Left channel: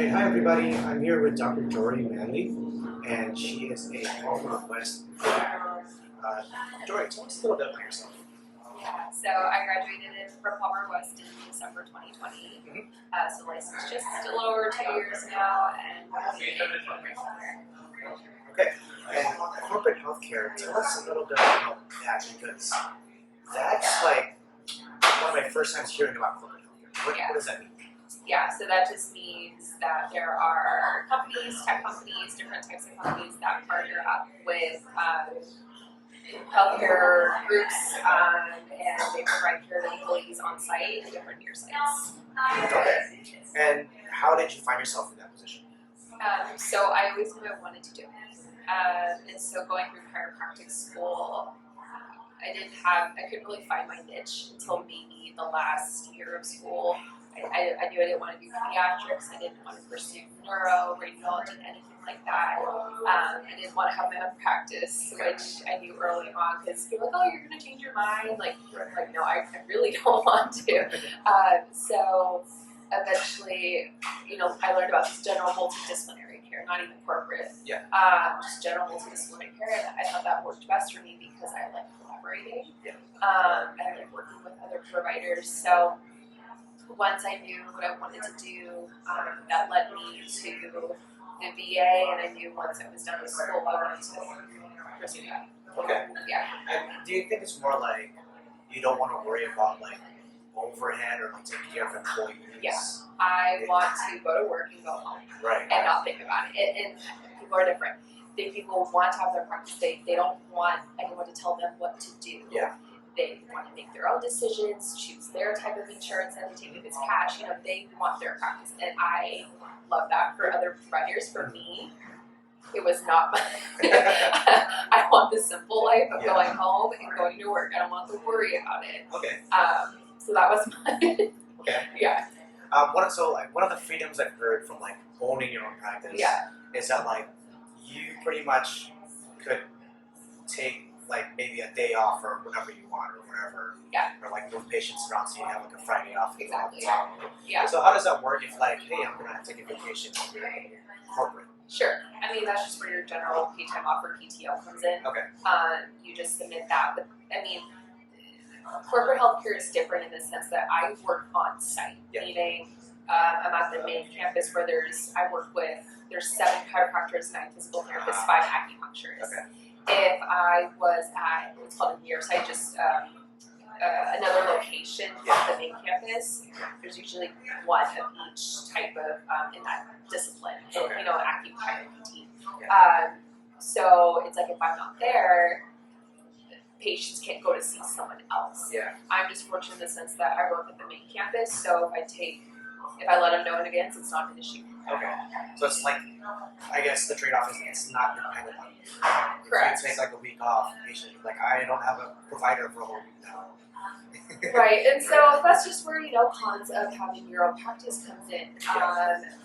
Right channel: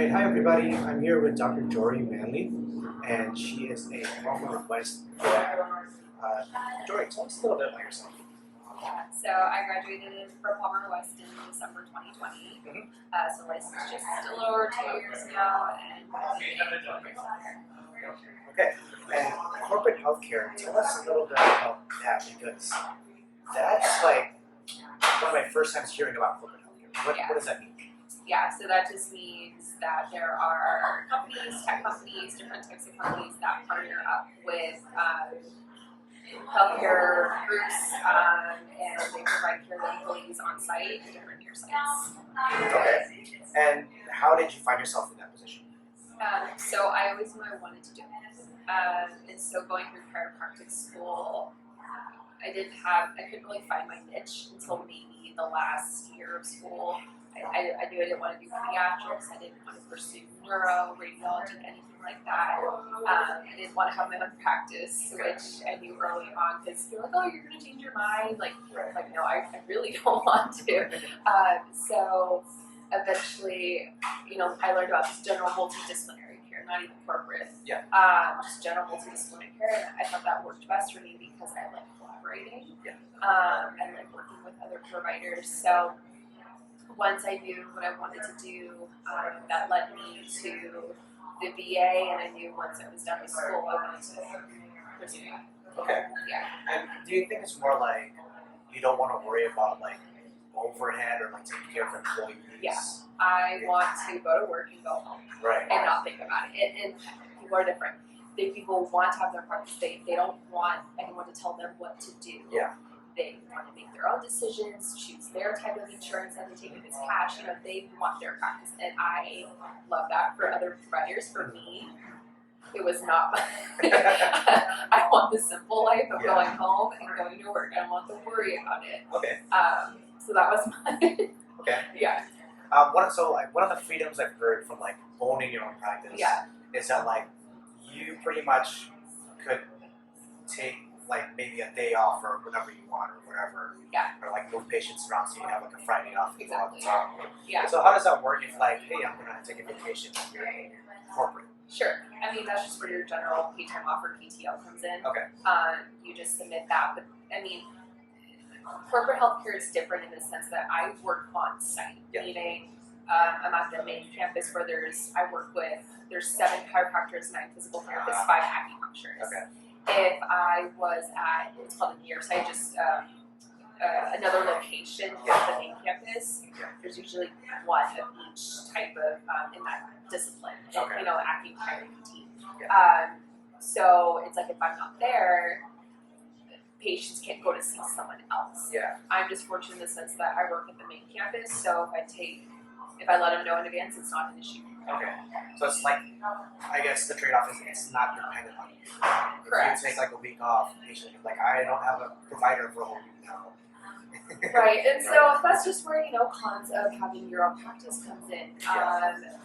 Hey, hi everybody. I'm here with Dr. Jori Manley, and she is a former West grad. Jori, tell us a little bit about yourself. So I graduated from Palmer West in December 2020. So licensed just a little over 2 years now, and Okay, and corporate healthcare, tell us a little bit about that, because that's like one of my first times hearing about corporate healthcare. What does that mean? Yeah, so that just means that there are companies, tech companies, different types of companies that partner up with healthcare groups, and they provide care to employees on site at different near sites. Okay, and how did you find yourself in that position? So I always knew I wanted to do it. And so going through chiropractic school, I couldn't really find my niche until maybe the last year of school. I knew I didn't want to do pediatrics. I didn't want to pursue neuro, radiology, anything like that. I didn't want to have my own practice, which I knew early on, because you're like, oh, you're going to change your mind. Like no, I really don't want to. So eventually, I learned about this general multidisciplinary care, not even corporate. Just general multidisciplinary care, and I thought that worked best for me because I like collaborating. I like working with other providers. So once I knew what I wanted to do, that led me to the VA, and I knew once I was done with school, I wanted to pursue that. Okay. Yeah. And do you think it's more like you don't want to worry about like overhead or like taking care of employees? Yeah. I want to go to work and go home. Right. And not think about it. And people are different. People want to have their practice. They don't want anyone to tell them what to do. Yeah. They want to make their own decisions, choose their type of insurance that they take if it's cash. They want their practice, and I love that for other providers. For me, it was not my I want the simple life of going home and going to work. I don't want to worry about it. Okay. So that was my Okay. Yeah. One of the freedoms I've heard from like owning your own practice is that like you pretty much could take like maybe a day off or whenever you want or whatever. Yeah. Or like move patients around so you have like a Friday off. Exactly. Yeah. So how does that work if like, hey, I'm gonna take a vacation and you're in corporate? Sure. I mean, that's just where your general pay time off or PTO comes in. Okay. You just submit that. But I mean, corporate healthcare is different in the sense that I work on site, meaning I'm at the main campus where there's 7 chiropractors, 9 physical therapists, 5 acupuncturists. Okay. If I was at what's called a near site, just another location of the main campus, there's usually one of each type of in that discipline, acupuncture. So it's like if I'm not there, patients can't go to see someone else. Yeah. I'm just fortunate in the sense that I work at the main campus, so if I let them know in advance, it's not an issue. Okay. So it's like, I guess the trade-off is it's not dependent on you. Correct. If you take like a week off, patient like I don't have a provider for a whole week now. Right, and so that's just where cons of having your own practice comes in.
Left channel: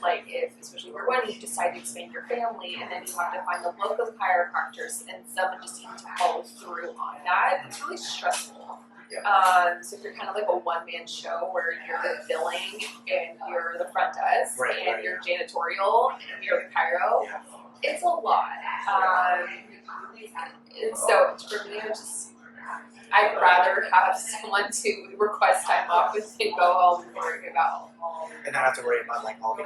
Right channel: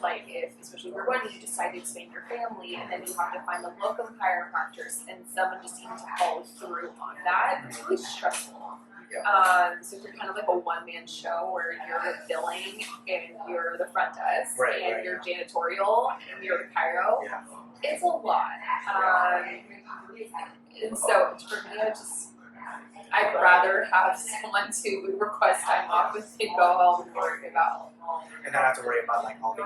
Like especially if you're one, you decide to expand your family, and then you have to find the local chiropractors, and someone just needs to follow through on that. It's really stressful. So if you're kind of like a one-man show where you're billing and you're the front desk and you're janitorial and you're the chiro, it's a lot. And so for me, I'd rather have someone to request time off with and go home and worry about. And not have to worry about like all the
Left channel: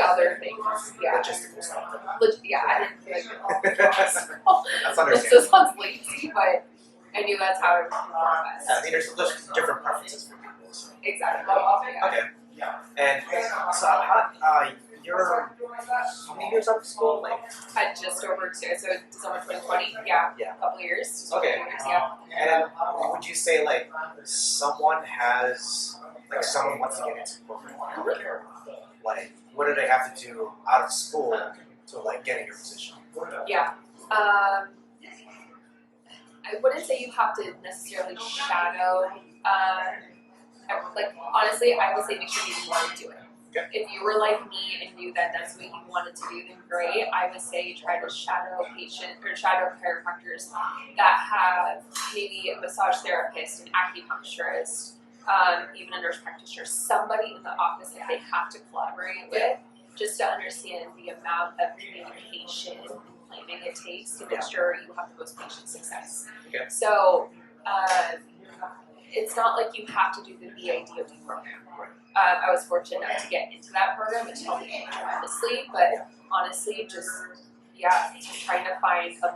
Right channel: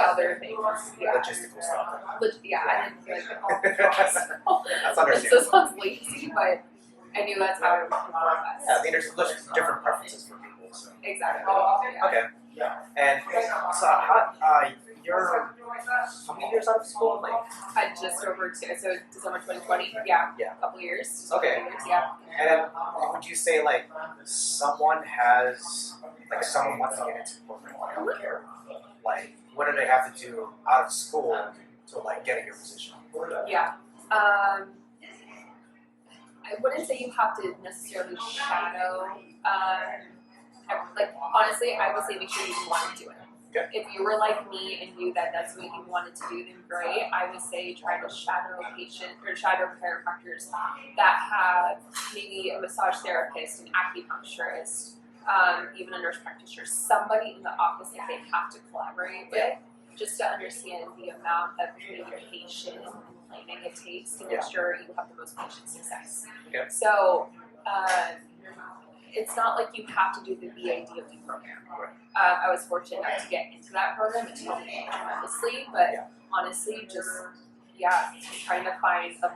other things. Logistical stuff. I didn't feel like That's understandable. So it sounds lazy, but I knew that's how I would perform best. Yeah, I mean, there's different preferences for people. So. Exactly. Okay. And so you're how many years out of school? Like just over 2. So December 2020. Yeah. A couple years. Just over 2 years. Yeah. And would you say like someone wants to get into corporate healthcare? Like, what do they have to do out of school to like get in your position? Yeah. I wouldn't say you have to necessarily shadow. Honestly, I would say make sure you want to do it. Okay. If you were like me and knew that that's what you wanted to do, then great. I would say try to shadow chiropractors that have maybe a massage therapist, an acupuncturist, even a nurse practitioner, somebody in the office that they have to collaborate with, just to understand the amount of communication and planning it takes to make sure you have the most patient success. Okay. So it's not like you have to do the VA-DOD program. I was fortunate enough to get into that program, which helped me tremendously, but honestly, just trying to find a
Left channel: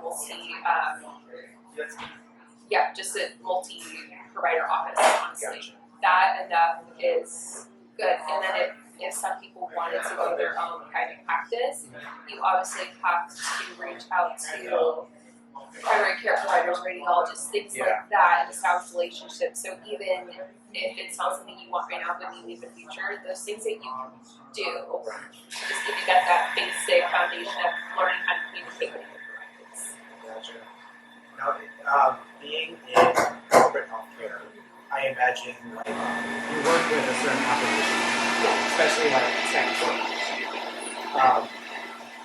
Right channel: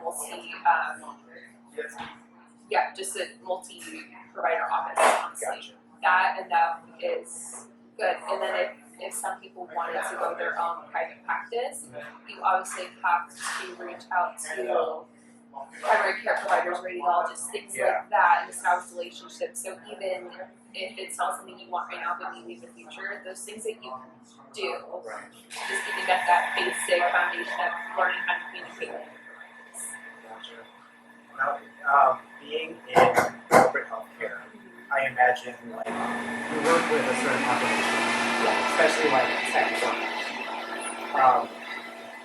just a multi-provider office, honestly. Gotcha. That enough is good. And then if some people wanted to go their own private practice, you obviously have to reach out to primary care providers, radiologists, things like that, and establish relationships. So even if it's not something you want right now, but maybe in the future, those things that you can do to just even get that basic foundation of learning how to communicate with your practice. Gotcha. Now, being in corporate healthcare, I imagine like you work with a certain population, especially like tech workers.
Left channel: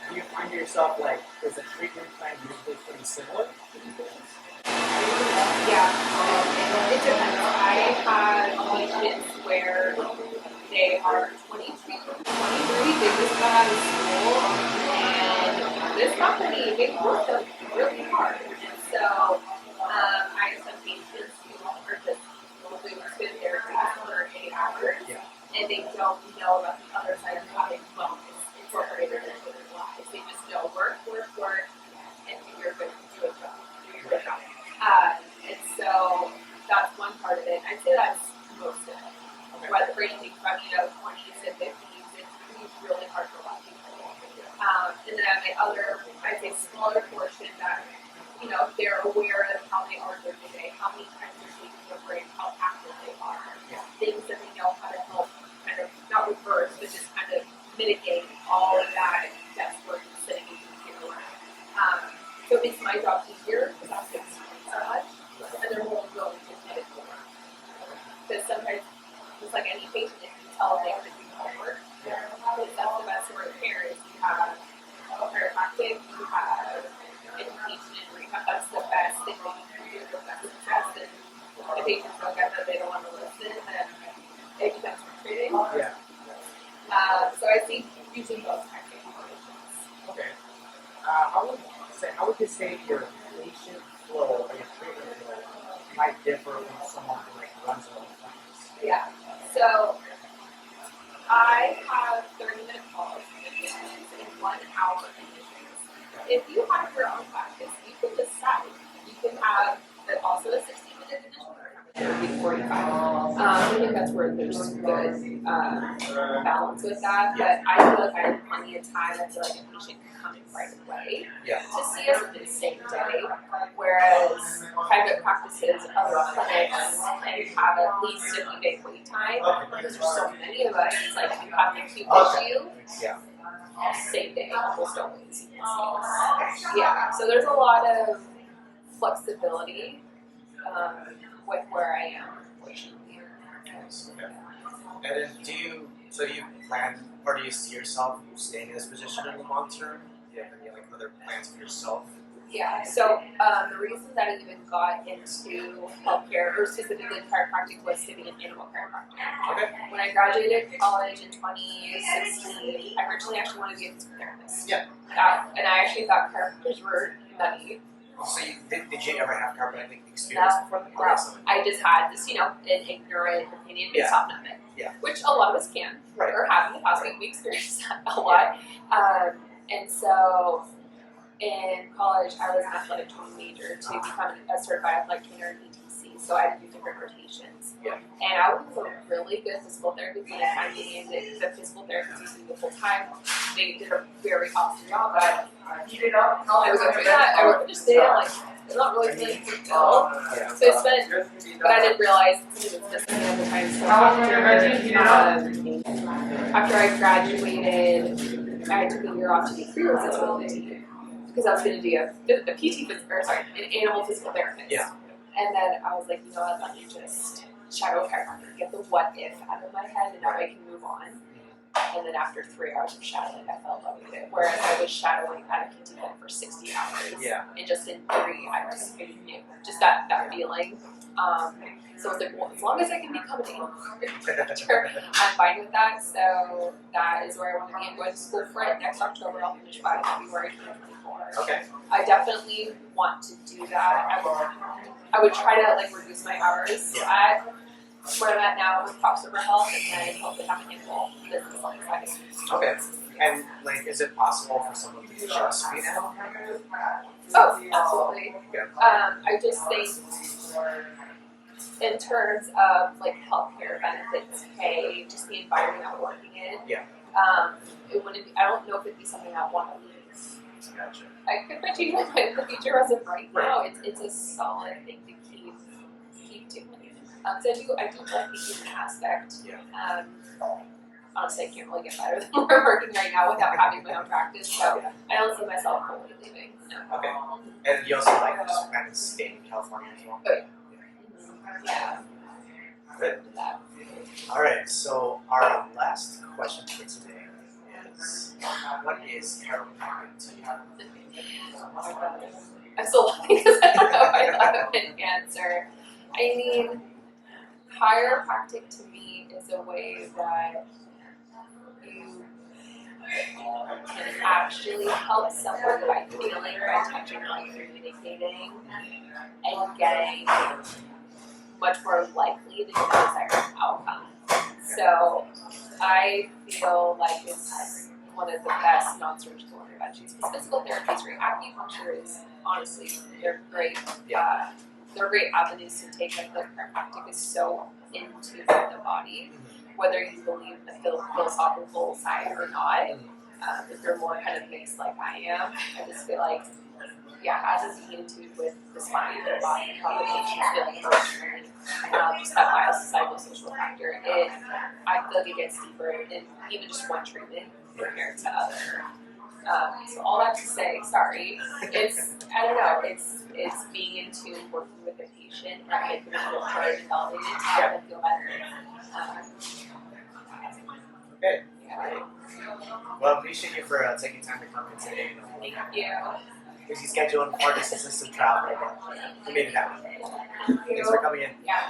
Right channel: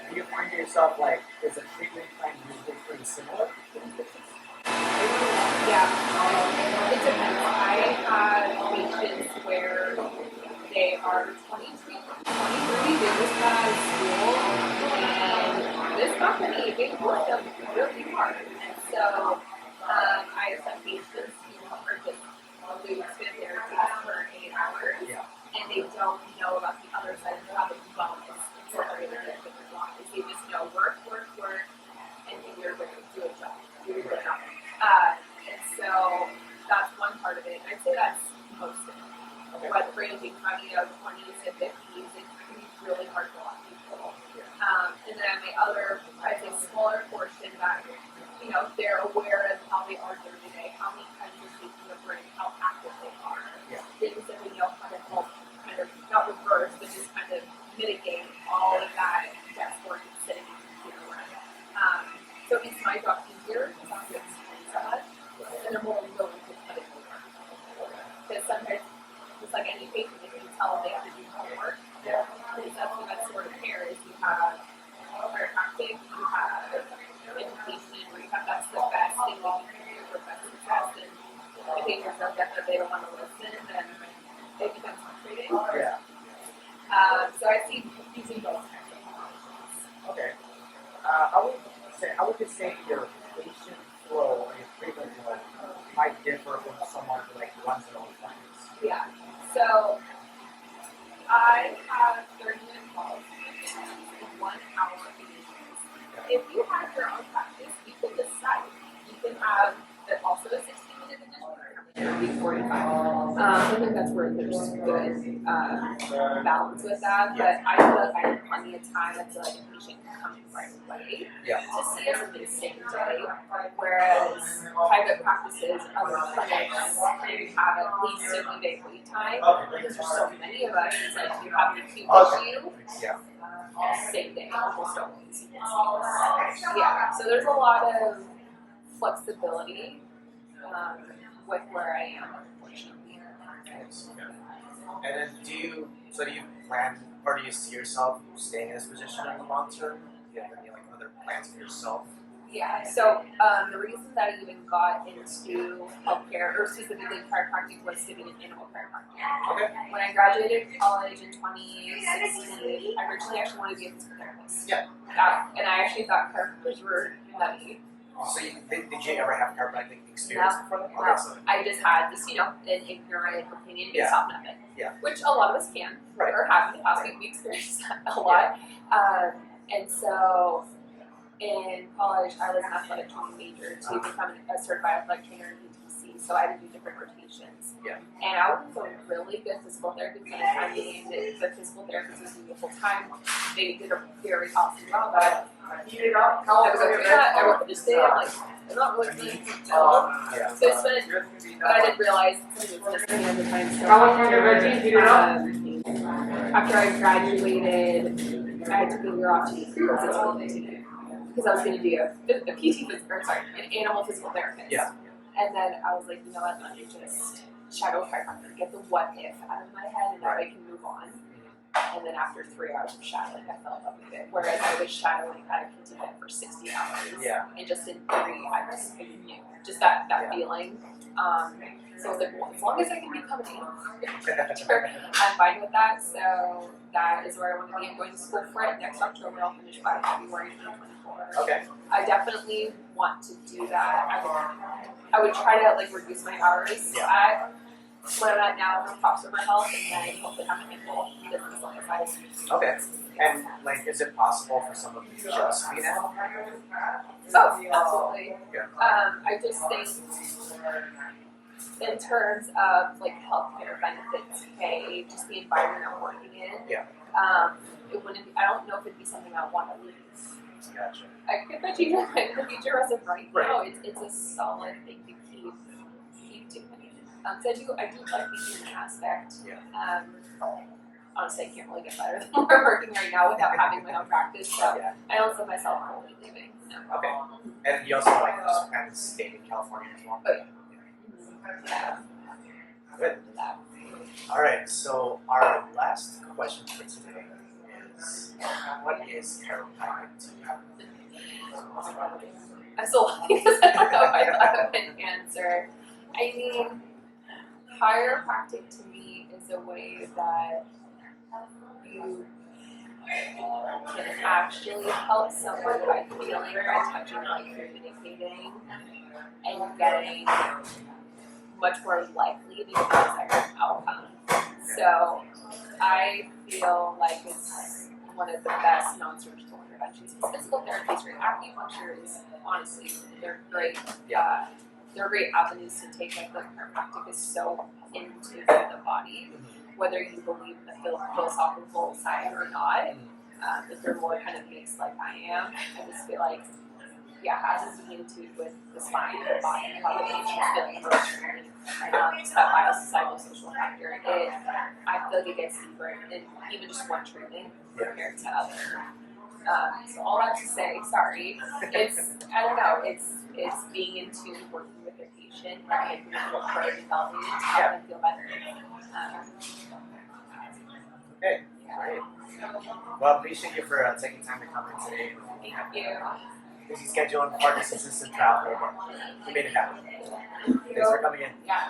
Do you find yourself like, is the treatment plan usually pretty similar? Yeah, it depends. I have patients where they are 23, they just got out of school, and this company, they work them really hard. And so I have some patients who are just doing spin therapy for 8 hours, and they don't know about the other side of having wellness incorporated into their lives. They just know work, and you're going to do a job. Do your good job. And so that's one part of it. I'd say that's most of it. Okay. Whether ranging from 20s to 50s, it's really hard for a lot of people. And then I have my other, I'd say smaller portion that they're aware of how they are during the day, how many times they're taking a break, how active they are, things that they know how to help kind of not reverse, but just kind of mitigate all of that desk work and sitting in computer work. So it makes my job easier because I have to explain so much, and they're more willing to put in the work. Because sometimes, just like any patient, if you tell them they have to do homework, because that's the best sort of care is you have chiropractic, you have education and rehab. That's the best thing that you can do for best success. And if patients don't get that, they don't want to listen, then it becomes frustrating. So I see using both kinds of populations. Okay. How would you say your patient flow or your treatment flow might differ from someone who like runs their own practice? Yeah. So I have 30-minute calls and 1 hour admissions. If you have your own practice, you can decide. You can have also a 60-minute admission or 45. I think that's where there's good balance with that. But I feel like I have plenty of time. I feel like a patient can come in right away to see us in the same day. Whereas private practices, other clinics, can have at least a few day wait time because there's so many of us. It's like if you have an acute issue, same day, almost always. So there's a lot of flexibility with where I am, unfortunately. Okay. And then do you plan, or do you see yourself staying in this position in the long term? Do you have any other plans for yourself? Yeah, so the reason that I even got into healthcare, or specifically chiropractic, was to be an animal chiropractor. Okay. When I graduated college in 2016, I originally actually wanted to be a physical therapist. And I actually thought chiropractors were nutty. So did you ever have chiropractic experience before that? No. I just had this, an ignorant opinion based off of it. Which a lot of us can, or have in the past. We experienced that a lot. And so in college, I was an athletic training major to become a certified athletic trainer in ETC. So I had to do different rotations. And I was a really good physical therapist. I mean, the physical therapist was doing the full time. They did a very awesome job at it. I was okay with that. I would just say, it's not really feeling fulfilled. So it's been, but I didn't realize something was missing at the time. So after I graduated, I took a year off to do Chiros in 2019 because I was going to be an animal physical therapist. And then I was like, you know what, let me just shadow chiropractor, get the what if out of my head, and now I can move on. And then after 3 hours of shadowing, I fell in love with it. Whereas I was shadowing at a PT Fit for 60 hours. And just in 3 hours, I knew. Just that feeling. So I was like, well, as long as I can become an chiropractor, I'm fine with that. So that is where I want to be. I'm going to school for it next October. I'll finish by February 2024. Okay. I definitely want to do that. I would try to like reduce my hours at where I'm at now with Top Server Health, and then hopefully have a handful business on the side. Okay. And like, is it possible for someone to just be an animal practitioner? Oh, absolutely. Yeah. I just think in terms of like healthcare benefits, pay, just the environment I'm working in. Yeah. It wouldn't be, I don't know if it'd be something I want to leave. Gotcha. I could bet you in the future as of right now, it's a solid thing to keep doing. So I do like the human aspect. Yeah. Honestly, I can't really get better than where I'm working right now without having my own practice. So I don't see myself fully leaving. No. Okay. And you also like just kind of stay in California as well? Oh yeah. Good. All right. So our last question for today is, what is chiropractic to you? I'm still laughing because I don't know if I thought of an answer. I mean, chiropractic to me is a way that you can actually help someone by feeling, by touching, by communicating, and getting much more likely to get the desired outcome. So I feel like it's one of the best non-surgical interventions. Because physical therapy is great. Acupuncture is honestly, they're great. They're great avenues to take. Like the chiropractic is so into the body, whether you believe in the philosophical side or not. If you're more kind of mixed like I am, I just feel like, as a similitude with the spine and the body, how the patient's feeling emotionally, just that biosocial social factor, I feel like it gets deeper in even just one treatment compared to other. So all that to say, sorry, I don't know, it's being in tune, working with the patient, and making them feel heard and validated to help them feel better. Okay, great. Well, I appreciate you for taking time to come in today. Thank you. Busy schedule and hard assistant travel, but we made it happen. Thanks for coming in. Yeah.